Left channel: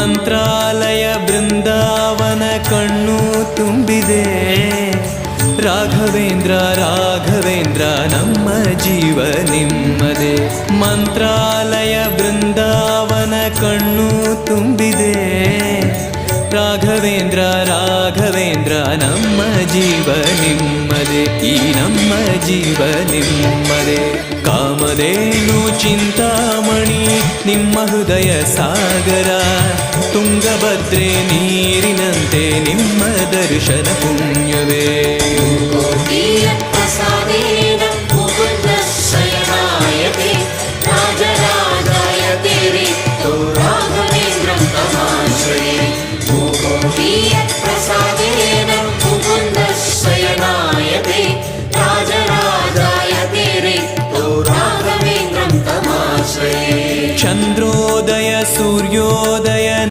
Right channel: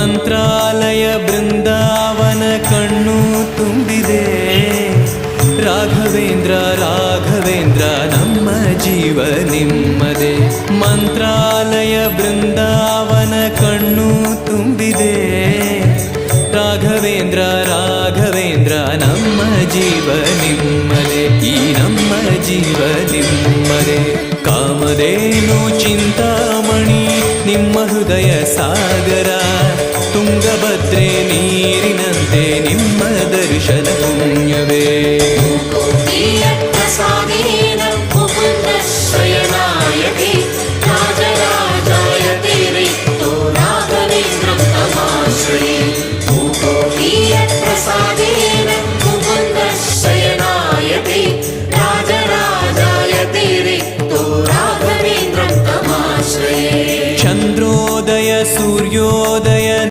ಮಂತ್ರಾಲಯ ಬೃಂದಾವನ ಕಣ್ಣು ತುಂಬಿದೆ. ರಾಘವೇಂದ್ರ ರಾಘವೇಂದ್ರ ನಮ್ಮ ಜೀವ ನಿಮ್ಮದೇ. ಮಂತ್ರಾಲಯ ಬೃಂದಾವನ ಕಣ್ಣು ತುಂಬಿದೆ. ರಾಘವೇಂದ್ರ ರಾಘವೇಂದ್ರ ನಮ್ಮ ಜೀವ ನಿಮ್ಮದೇ. ಈ ನಮ್ಮ ಜೀವ ನಿಮ್ಮದೇ. ಕಾಮಧೇನು ಚಿಂತಾಮಣಿ ನಿಮ್ಮ ಹೃದಯ ಸಾಗರ. ತುಂಗಭದ್ರೆ ನೀರಿನಂತೆ ನಿಮ್ಮ ದರ್ಶನ ಪುಣ್ಯವೇ. ಚಂದ್ರೋದಯ ಸೂರ್ಯೋದಯ